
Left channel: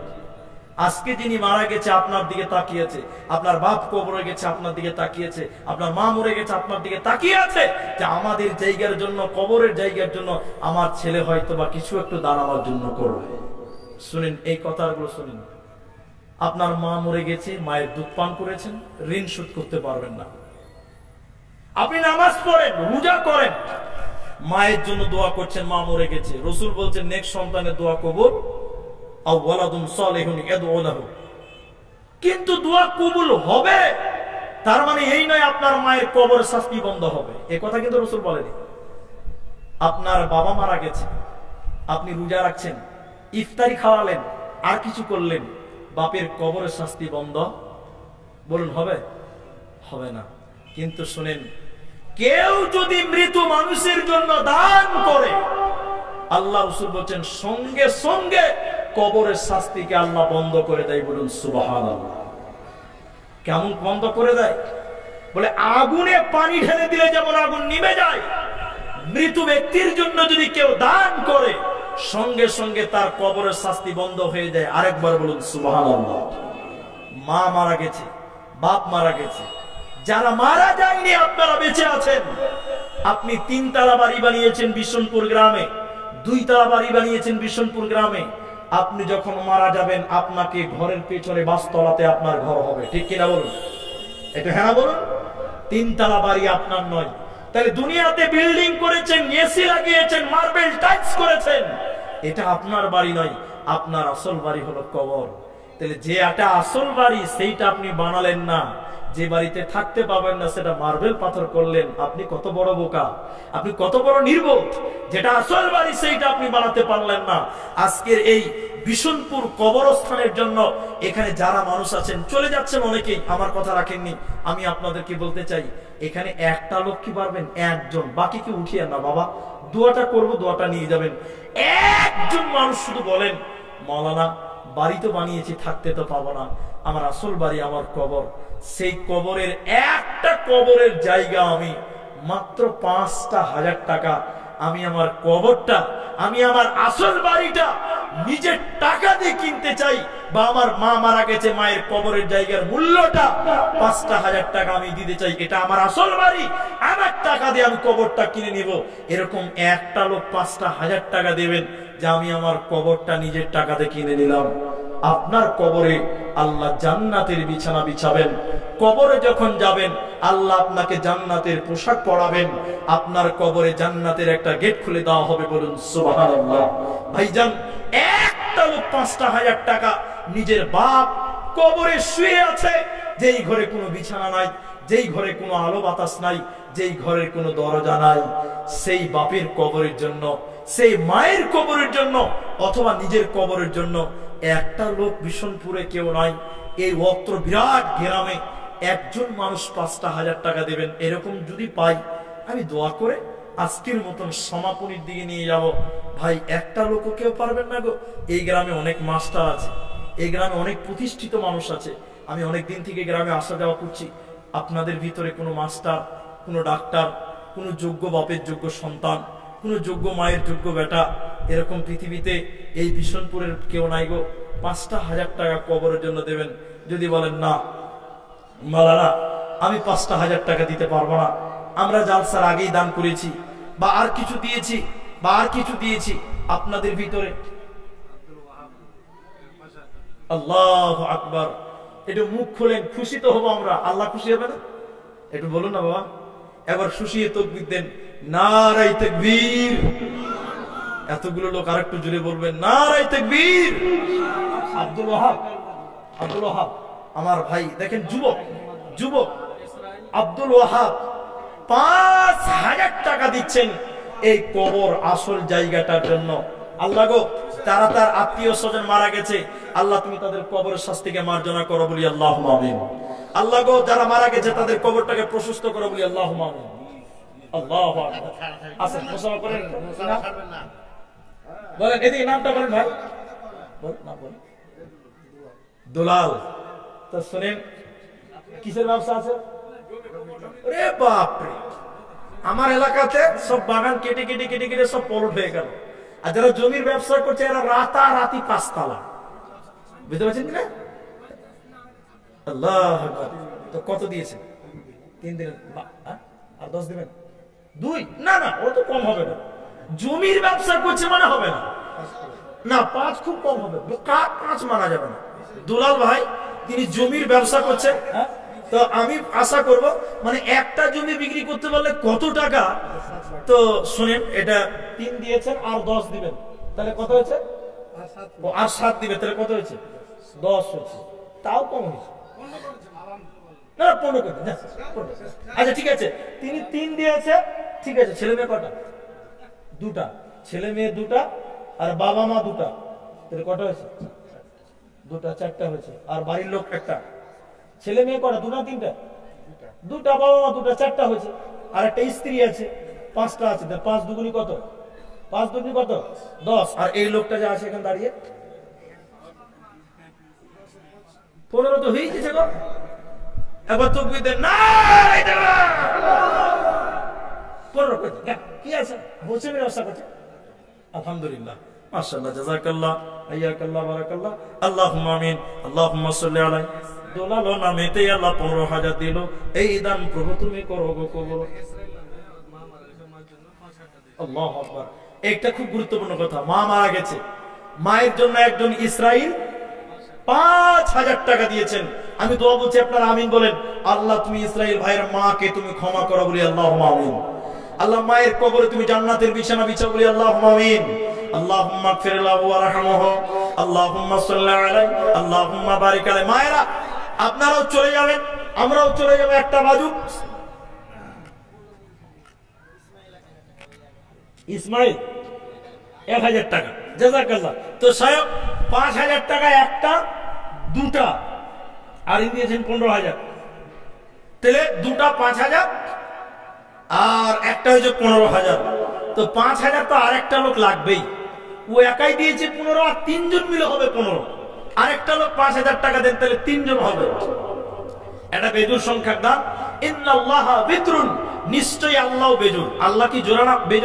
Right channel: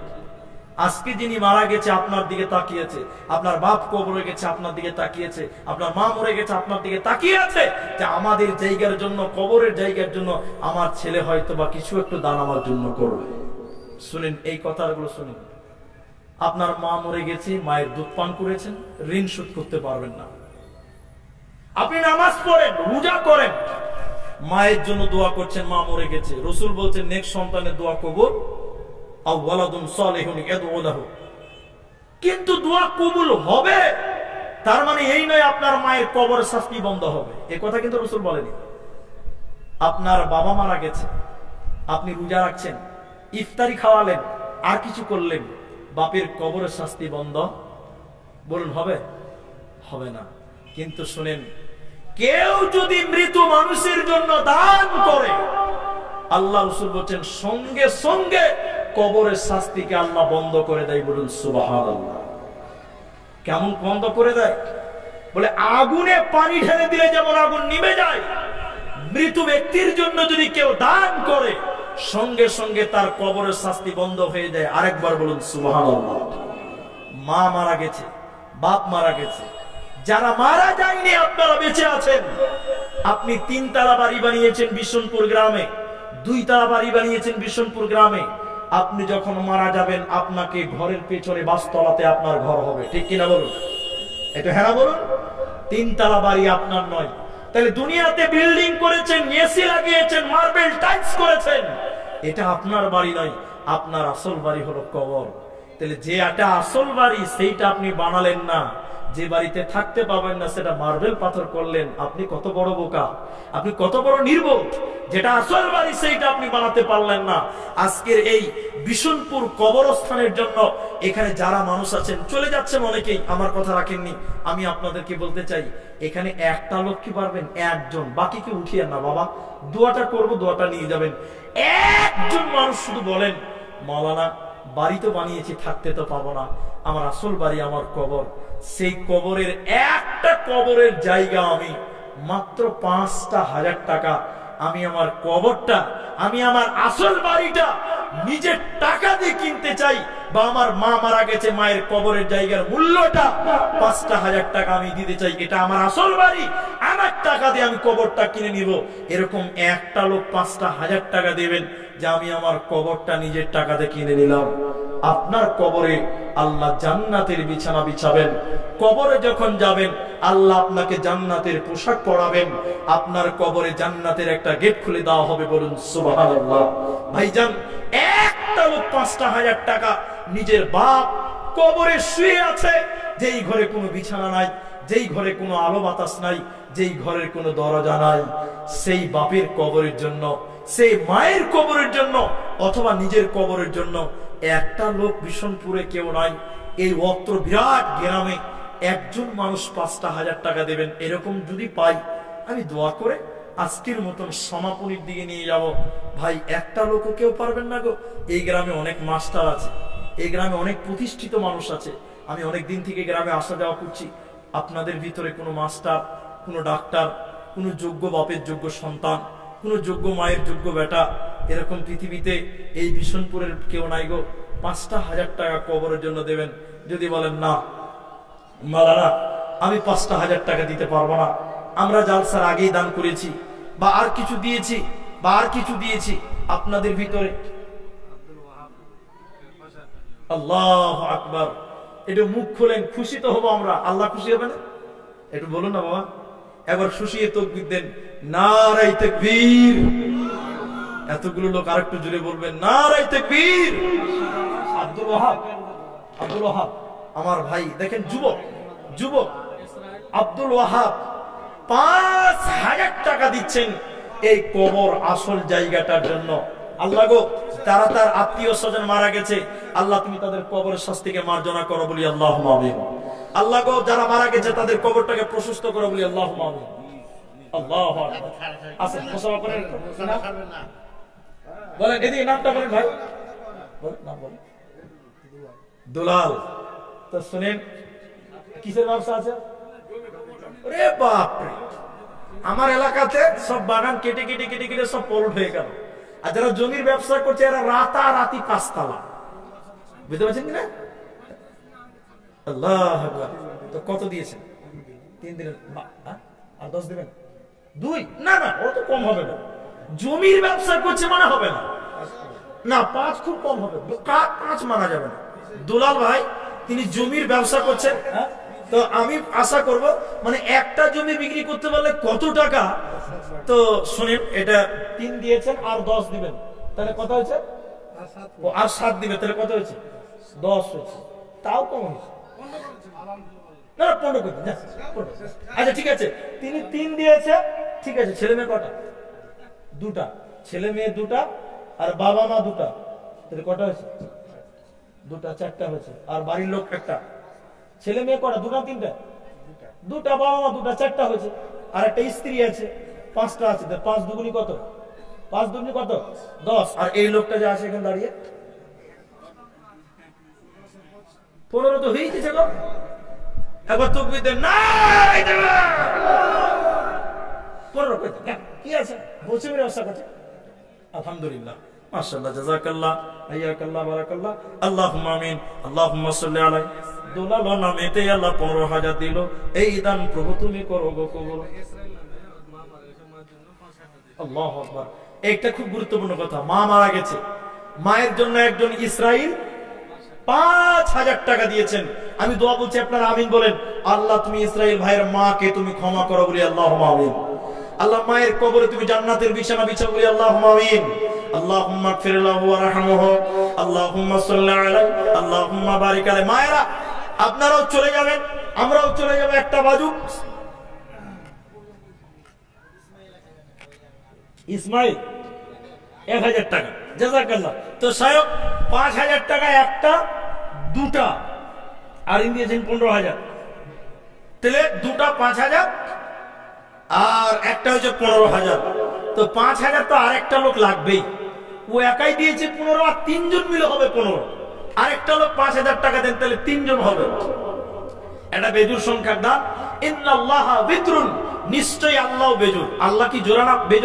আজকে যিনি মারা গেছে আপনার দিকে তাকিয়েছে, আপনার বাপ কবরে গেছে আপনার দিকে তাকিয়েছে, আপনার মা মরে গেছে আপনার দিকে তাকিয়ে আছে যে আমাদের জায়গার জন্য, কবরের জায়গার জন্য আমার ছেলে হয়তো বা কিছু একটু দান আমার জন্য করবে। শুনেন এই কথাগুলো শুনেন। আপনার মা মরে গেছে, মায়ের দুধ পান করেছেন, ঋণ শোধ করতে পারবেন না। আপনি নামাজ পড়েন, রোজা করেন, মায়ের জন্য দোয়া করছেন, মা মরে গেছে। রসুল বলছেন নেক্সট সন্তানের দোয়া কবুল, কিন্তু দোয়া কবুল হবে তার মানে এই নয় আপনার মায়ের কবরের শাস্তি বন্ধ হবে, এ কথা কিন্তু রসুল বলেনি। আপনার বাবা মারা গেছে, আপনি রোজা রাখছেন, ইফতারি খাওয়ালেন, আর কিছু করলেন, বাপের কবরের শাস্তি বন্ধ? বলুন হবে? হবে না। কিন্তু শুনেন, কেউ যদি মৃত মানুষের জন্য দান করে, আল্লাহ রাসূল বলেন সঙ্গে সঙ্গে কবরের শাস্তিকে আল্লাহ বন্ধ করে দেয়। বলুন সুবহানাল্লাহ। কেমন বন্ধ করে দেয়? বলে আগুনে পানি ঢেলে দিলে যেমন আগুন নিভে যায়, মৃত ব্যক্তির জন্য যদি কেউ দান করে সঙ্গে সঙ্গে তার কবরের শাস্তি বন্ধ হয়ে যায়। আরেকবার বলুন সুবহানাল্লাহ। মা মারা গেছে, বাপ মারা গেছে, যারা মারা যায়নি আপনারা বেঁচে আছেন। আপনি 3 তলা বাড়ি বানিয়েছেন বিশনপুর গ্রামে, 2 তলা বাড়ি বানিয়েছেন বিশনপুর গ্রামে। আপনি যখন মারা যাবেন আপনাকে ঘরের পেছনে 5 তলাতে আপনার ঘর হবে, ঠিক কিনা বলুন? একটু হ্যাঁ বলুন। 3 তলা বাড়ি আপনার নয়। তাহলে দুনিয়াতে বিল্ডিং করেছেন, এসি লাগিয়েছেন, মার্বেল টাইলস করেছেন, এটা আপনার বাড়ি নয়। আপনার আসল বাড়ি হলো কবর। তাহলে যে এটা আসল বাড়ি সেইটা আপনি বানালেন না, যে বাড়িতে থাকতে পাবেন না সেটা মার্বেল পাথর করলেন। আপনি কত বড় বোকা, আপনি কত বড় নির্বোধ। যেটা আসল বাড়ি সেইটা আপনি বানাতে পারলেন না। আজকের এই বিশনপুর কবরস্থানের জন্য এখানে যারা মানুষ আছেন, চলে যাচ্ছেন অনেকেই, আমার কথা রাখেননি। আমি আপনাদেরকে বলতে চাই, এখানে একটা লোক কি পারবেন? একজন, বাকি কি উঠিয়েন না বাবা, দোয়াটা করব, দোয়াটা নিয়ে যাবেন। একজন মানুষ শুধু বলেন, মাওলানা বাড়ি তো বানিয়েছি, থাকতে তো পাবো না, আমার আসল বাড়ি আমার কবর। সেই কবরের একটা কবরের জায়গা আমি মাত্র 5,000 টাকা, আমি আমার কবরটা, আমি আমার আসল বাড়িটা নিজের টাকা দিয়ে কিনতে চাই। বা আমার মা মারা গেছে, মায়ের কবরের জায়গার মূল্যটা 5,000 টাকা আমি দিতে চাই, এটা আমার আসল বাড়ি, আমার টাকা দিয়ে আমি কবরটা কিনে নিব। এরকম একটা লোক 5,000 টাকা দেবেন যে আমি আমার কবরটা নিজের টাকাতে কিনে নিলাম। আপনার কবরে আল্লাহ জান্নাতের বিছানা বিছাবেন। কবরে যখন যাবেন আল্লাহ আপনাকে জান্নাতের পোশাক পরাবেন। আপনার কবরে জান্নাতের একটা গেট খুলে দেওয়া হবে। বলুন সুবহানাল্লাহ। ভাইজান, একটা লোক 5,000 টাকা, নিজের বাপ কবরে শুয়ে আছে, যেই ঘরে কোনো বিছানা নাই, যেই ঘরে কোনো আলো বাতাস নাই, যেই ঘরের কোনো দরজা নাই, সেই বাপের কবরের জন্য, সেই মায়ের কবরের জন্য, অথবা নিজের কবরের জন্য একটা লোক বিশনপুরে কেউ নাই, এই অত্র বিরাট গ্রামে একজন মানুষ 5,000 টাকা দেবেন। এরকম যদি পাই, আমি দোয়া করে আজকের মতন সমাপনীর দিকে নিয়ে যাব। ভাই, একটা লোকও কেউ পারবেন না গো? এই গ্রামে অনেক মাস্টার আছে, এই গ্রামে অনেক প্রতিষ্ঠিত মানুষ আছে। আমি অনেক দিন থেকে গ্রামে আসা যাওয়া করছি। আপনাদের ভিতরে কোনো মাস্টার, কোনো ডাক্তার, কোনো যোগ্য বাপের যোগ্য সন্তান, কোনো যোগ্য মায়ের যোগ্য বেটা, এরকম পৃথিবীতে এই বিশনপুরের কেউ নাই গো? 5,000 টাকা কবরের জন্য দেবেন। যদি বলেন না মালানা আমি 5,000 টাকা দিতে পারবো না, আমরা জালসার আগেই দান করেছি, বা আর কিছু দিয়েছি, বা আর কিছু দিয়েছি, আপনাদের ভিতরে আল্লাহু আকবার, একটু মুখ খোলেন, খুশি তো হবো আমরা। আল্লাহ খুশি হবে না? একটু বলুন না বাবা, একবার খুশিয়ে তাকবীর দেন, নারায়ে তাকবীর। এতগুলো লোক আরেকটু জোরে বলবেন, নারায়ে তাকবীর। আব্দুল ওয়াহাব, আব্দুল ওয়াহাব আমার ভাই, দেখেন যুবক, যুবক আব্দুল ওয়াহাব 5,000 টাকা দিচ্ছেন এই কবর আসল জায়গাটার জন্য। আল্লাহ গো, তারা তার আত্মীয় স্বজন মারা গেছে, আল্লাহ তুমি তাদের কবরের শাস্তিকে মার্জনা করো, বলি আল্লাহুম্মা আমিন। আল্লাহ গো, যারা মারা গেছে তাদের কবরটাকে প্রশস্ত করো, বলি আল্লাহুম্মা আমিন। আল্লাহু আকবার। আসেন মুসাফা করেন, বলেন এদিকে নামটা বলেন ভাই, বলেন নাম বলেন। দুলাল। তো শুনেন, কিসের ব্যবসা আছে? ওরে বাপরে, আমার এলাকাতে সব বাগান কেটে কেটে কেটে কেটে সব পলট হয়ে গেল। আর যারা জমির ব্যবসা করছে এরা রাতারাতি 5 তালা। বুঝতে পারছেন কিনা? আল্লাহ আকবার। তো কত দিয়েছেন? 3 দিনের। আর 10 দিবেন? 2? না না, ও তো কম হবে না। জমির ব্যবসা করছে মানে হবে না। না 5 খুব কম হবে, 5 মানা যাবে না। দুলাল ভাই তিনি জমির ব্যবসা করছেন, তো আমি আশা করব মানে একটা জমি বিক্রি করতে পারলে কত টাকা। তো শুনেন, এটা 3 দিয়েছেন আর 10 দিবেন, তাহলে কত হয়েছে? আর 7 দিবেন, তাহলে কত হয়েছে? 10 হয়েছে। তাও কম হয়েছে না, 15 করতে। আচ্ছা ঠিক আছে, তিনি 3 দিয়েছে, ঠিক আছে। ছেলে মেয়ে কটা? 2টা। ছেলে মেয়ে 2টা আর বাবা মা 2টা, তাহলে কটা হয়েছে? 2টা, 4টা হয়েছে। আর বাড়ির লোক 1টা। ছেলে মেয়ে কটা? 2 না 3টা? 2টা, বাবা মা 2টা, 4টা হয়েছে। আর একটা স্ত্রী আছে, 5টা আছে। 5 দুগুনি কত? 5 দুগুনি কত? 10। আর এই লোকটা যা আছে এখানে দাঁড়িয়ে 15 তো হয়ে গেছে গো। একবার তকবীর দেন, না 15 করে দেন। কি আছে, বসে মেরে ব্যবসা করছে। আলহামদুলিল্লাহ, মাশাআল্লাহ, জাযাকাল্লাহ, হাইয়াকাল্লাহ, বারাকাল্লাহ, আল্লাহুম্মা আমিন, আল্লাহুম্মা সাল্লি আলাইহি। দোলালো নামেতে আল্লাহ 15,000 দিল। এই দান প্রভু তুমি করো গো কবুল। আল্লাহু আকবার। একটা খুব গুরুত্বপূর্ণ কথা, মা মারা গেছে, মায়ের জন্য একজন ইসরাইল 5,000 টাকা দিয়েছেন। আমি দোয়া বলছি, আপনারা আমিন বলেন। আল্লাহ তুমি ইসরাইল ভাইয়ের মাকে তুমি ক্ষমা করো বলি আল্লাহুম্মা আমিন। আল্লাহ মায়ের কবরে তুমি জান্নাতের বিছানা বিছাও বলি আল্লাহুম্মা আমিন। আল্লাহুম্মা গফির লাহু ওয়ারহামহু, আল্লাহুম্মা সাল্লি আলাইহি, আল্লাহুম্মা বারিক আলাইহি। মায়েরা আপনারাও চলে যাবেন, আমরাও চলে যাব। একটা বাজু ইসমাইল 1000 টাকা, জাযাকাল্লাহ। তো সাহেব 5,000 টাকা একটা, 2টা, আর ইনি দিয়েছেন 15,000, তাহলে 2টা 5,000 আর একটা হয়েছে 15,000। তো 5,000 তো আরেকটা লোক লাগবেই। ও একাই দিয়েছে 15, আর 3 জন মিলে হবে 15। আরেকটা লোক 5,000 টাকা দেন, তাহলে 3 জন হবে। এটা বেজুর সংখ্যার দান। ইন্নাল্লাহা বিতরুন, নিশ্চয়ই আল্লাহ বেজুর। আল্লাহ কি জোড়া না বেজুর?